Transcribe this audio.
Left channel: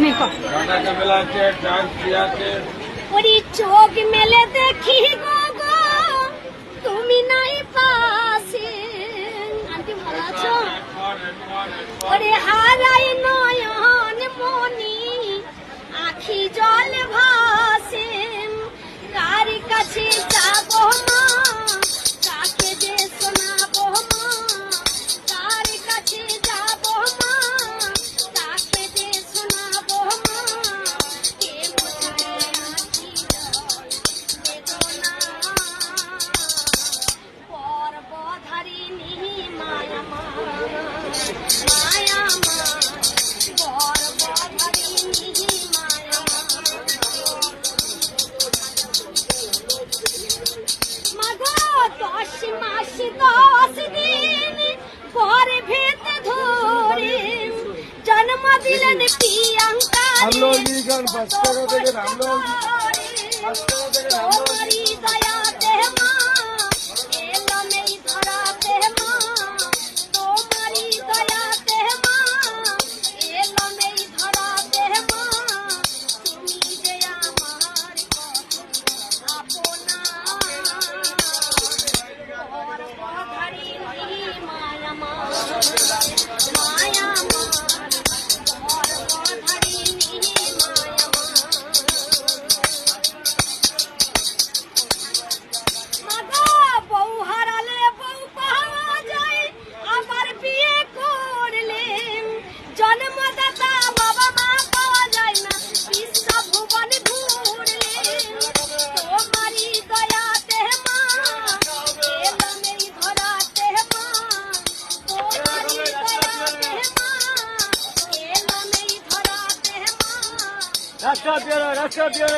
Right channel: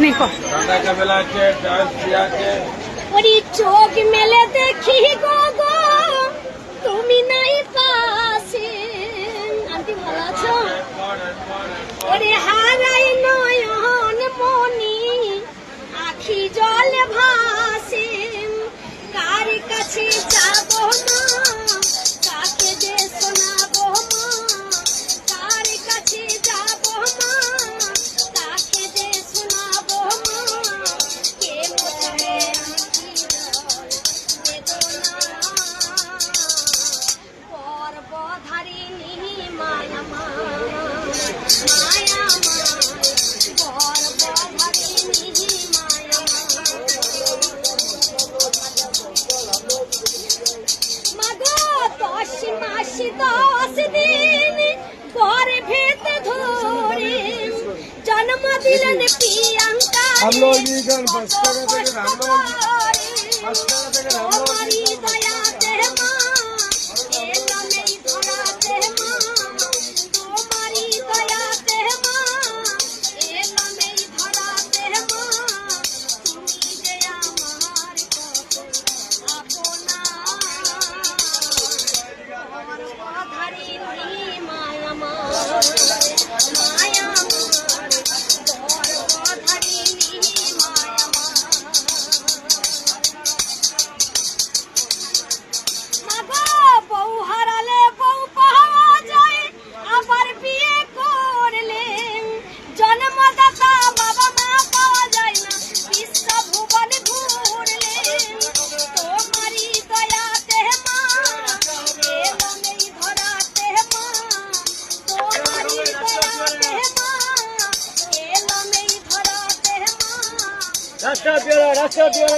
नहीं को चोख मेले देखी गो गो তুমি নাই পাশে ওরে হারাই নয়ন মনি আখি জল ভাসে কার কাছে যাবো মা কাকে যে শোনাবো মা কার কাছে যাবো মা কাকে যে শোনাবো মা কে মুখে পর্বধারিণী মায়া মা মায়া মা পর্বধারিণী মায়া মাগো 10 মাস 10 দিন পরে ভেত ধরে জন্ম দিলেন প্রিয়াঙ্কা তোমারি দয়াতে মা এলো নেই ধরাতে মা তোমারি দয়াতে মা এলো নেই ধরাতে মা তুমি যে আমার আপনা পর্বধারিণী মায়া মা মায়া মা পর্বধারিণী মায়া মা বউ হারালে বউ পাওয়া যায় আবার বিয়ে করলে জন্মদাতা বাবা মা পাওয়া যায় না বিশ্ব ভুবন ঘুরলে তোমারি দয়াতে মা এলো নেই ধরাতে মা তোমারি দয়াতে মা এলো নেই ধরাতে মা রাস্তা দিয়ে